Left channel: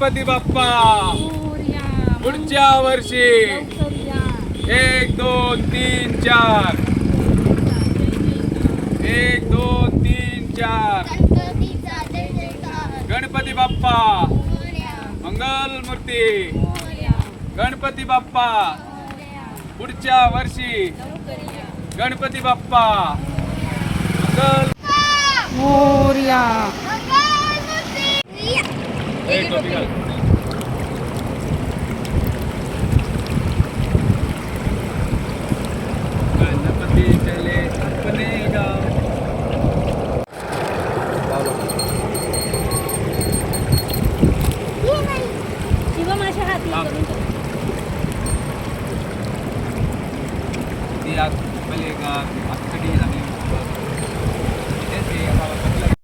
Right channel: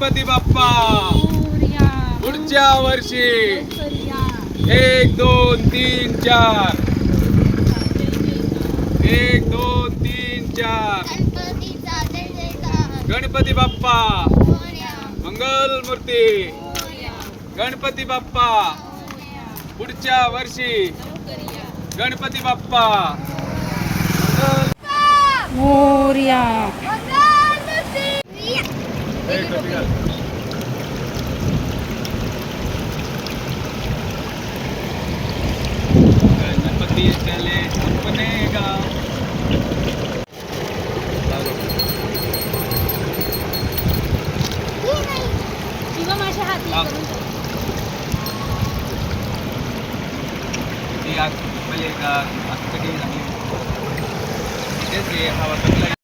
गणपती बाप्पा. पुढच्या वर्षी. एक दोन तीन चार. एक दोन तीन चार. गणपती बाप्पा. मंगल मूर्ती गणपती बाप्पा. पुढच्या वर्षी. गणपती बाप्पा. मंगल पहिले का आगसाठी लागली तेच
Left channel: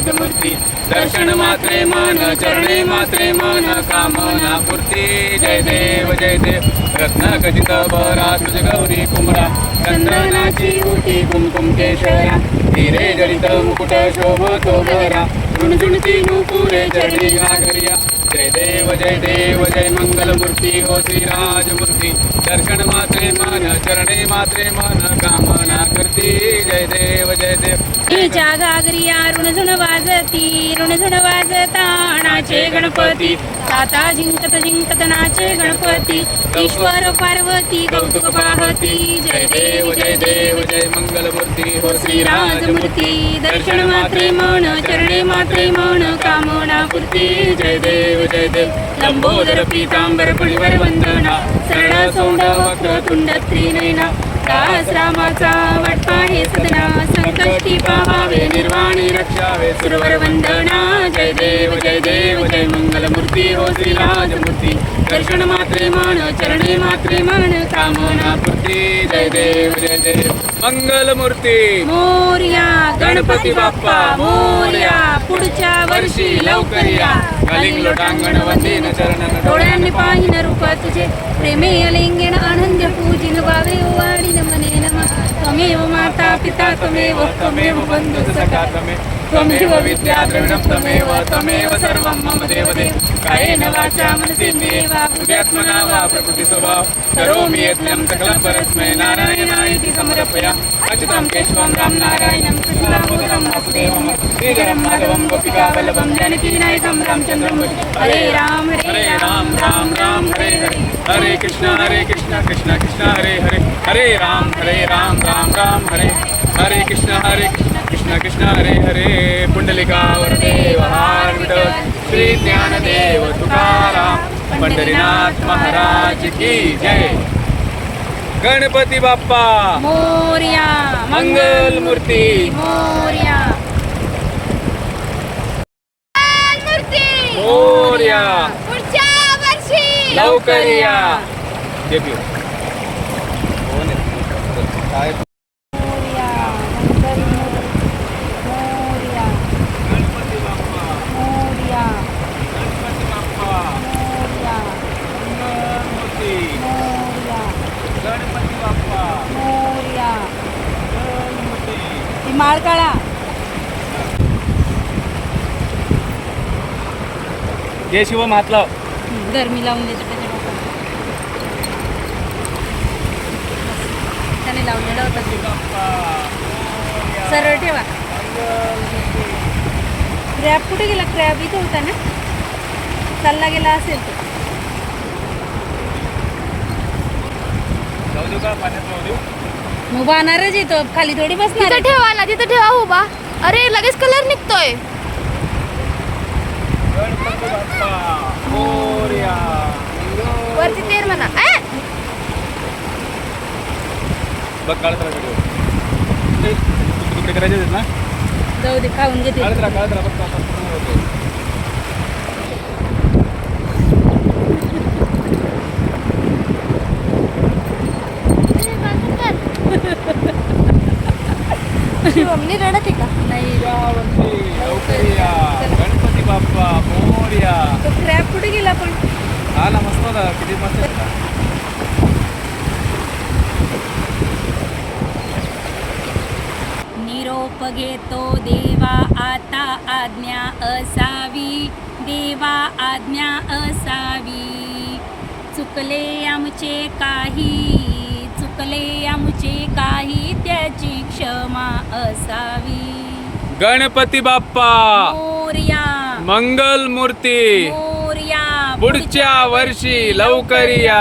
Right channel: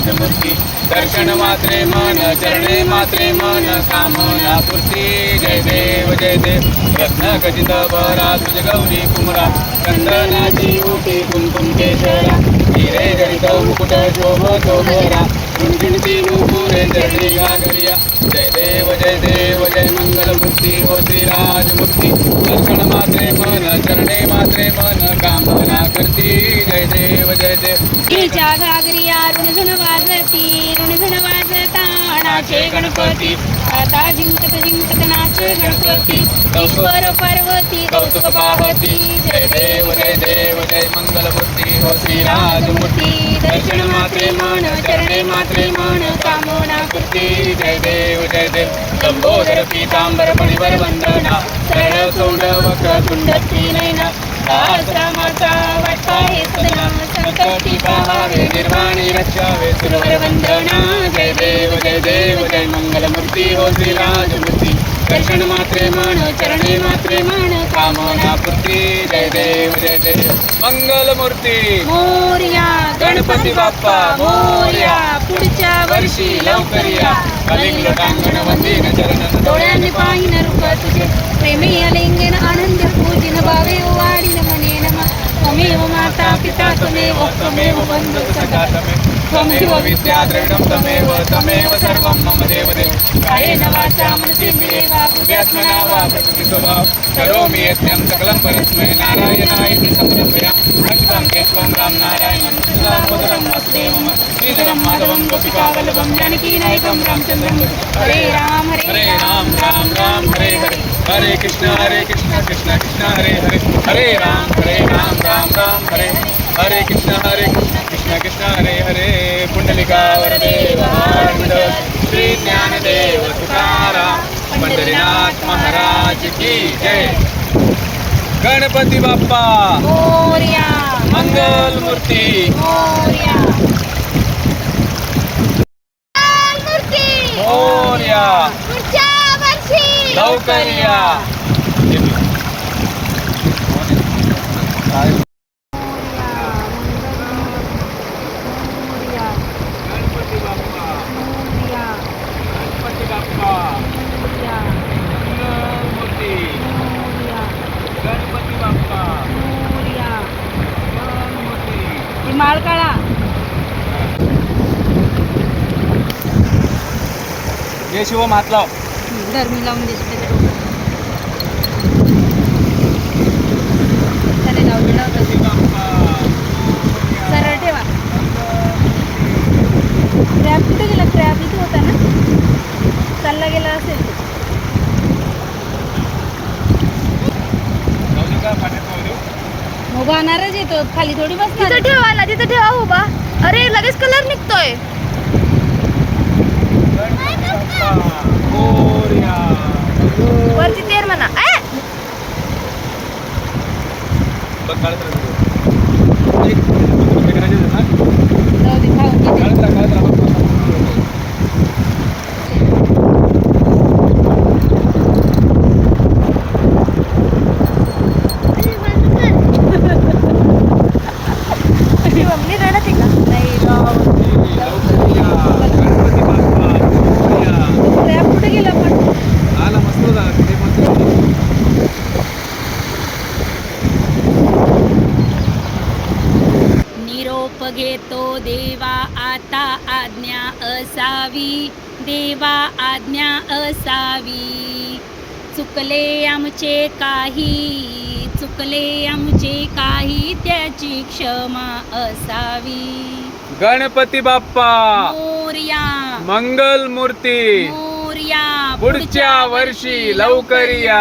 हे दर्शन मात्रे मान चरणे मात्रे मान कामना पूर्ती. जय देव जय देव. रत्न खचित बारा तुझ गौरी कुमरा चंदनाची उटी कुमकुम केशरा. हिरे गणित मुकुट शोभतो भरा झुणझुणती नुपुरे चरणी आदरिया. जय देव जय देव जय मंगल मूर्ती हो श्रीराजमूर्ती दर्शन मात्रे मन चरणे मात्रे मन कामना करती जय देव जय देव. गणपतीच्या घागरिया ऋणझुण वाजती ऋणझुण वाजता नाचे गणपती. आता जिंकत जिंकत नाचे गणपती. ईश्वर पार्वती कौतुक पाहती. जय देव जय देव जय मंगल मूर्ती हो श्रीराजमूर्ती. दर्शन मात्रे मान चरणे मात्रे मान कामना पूर्ती. जय देव जय देव. लंबोदर पीतांबर पणिवर वंदना. सरळ सोंड वक्र तुंड त्रिनयना. सहस्रामाचा वाटपा हे सदना. संकष्टी पावावे सुरवर वंदना जय देव जय देव जय मंगल मूर्ती हो श्रीराजमूर्ती दर्शन मात्रे मान चरणे मात्रे मान। कामना मूर्ती जय देव जय देव। मंगल मूर्ती मोर्या गणपती बाप्पा। मोर्या पुढच्या वर्षी लवकर या लोटांगण वंदन डोळ्यांनी पाहिन रूप तुझे। प्रेमे अलिंगन आनंद पूजिन भावे। वाढीन मने नम त्वमेव माता पिता त्वमेव त्वमेव बंधु सखा। त्वमेव विद्या द्रविणं त्वमेव त्वमेव सर्वं मम देवदेव कायेन वाचा मनसेन्द्रिये वा बुद्ध्यात्मना वा प्रकृति स्वभाव करोमि यत्नं सकलं परस्मै नारायणाय समर्पया अच्युतं केशवं राम नारायणं कृष्णदामोदरं वासुदेवं श्रीकरं माधवं गोपिकावल्लभं जानकीनायकं रामचन्द्रं हरे राम हरे राम राम राम हरे हरे हरे कृष्ण हरे कृष्ण कृष्ण कृष्ण हरे हरे हरे राम हरे राम राम राम हरे हरे कृष्ण हरे कृष्ण कृष्ण कृष्ण हरे हरे। पुंडलिका वरदेव हार श्री ज्ञानदेव तुकाराम पंढरीनाथ महाराज की जय। गणपती बाप्पा मोर्या मंगल मूर्ती। मोर्या। मोर्या। लवकर या। गणपती बाप्पा गणपती बाप्पा मंगल मूर्ती गणपती बाप्पा मंगल मूर्ती माळ काळा जय शिव महात्मा दर मी लावून देते त्याने लावलेला होता. सरळ ठेवा. क्रॅब कुठे गेला? क्रॅब इथे होता ना? चालला गेला असेल तो. उभा येतो. खाली थोडी बसणार तिथं ठेवा ना तिथं ठेवा उभा. अरे लगेच कलर निघतोय. वरती तेर म्हणा. जाऊ दे खाऊन मम्मी रडत आहे का? नाही श्रावणी, लवकर या. गणपती बाप्पा मोरया तो क्रॅब कुठे गेला पण. निरोप घेतो देवा आता आज्ञा असावी. देवा आज्ञा असावी. चुकले आमचे काही चुकले आमचे काही त्याची क्षमा असावी. गणपती बाप्पा! मोरया मंगल मूर्ती मोरया पुढच्या वर्षी लवकर या.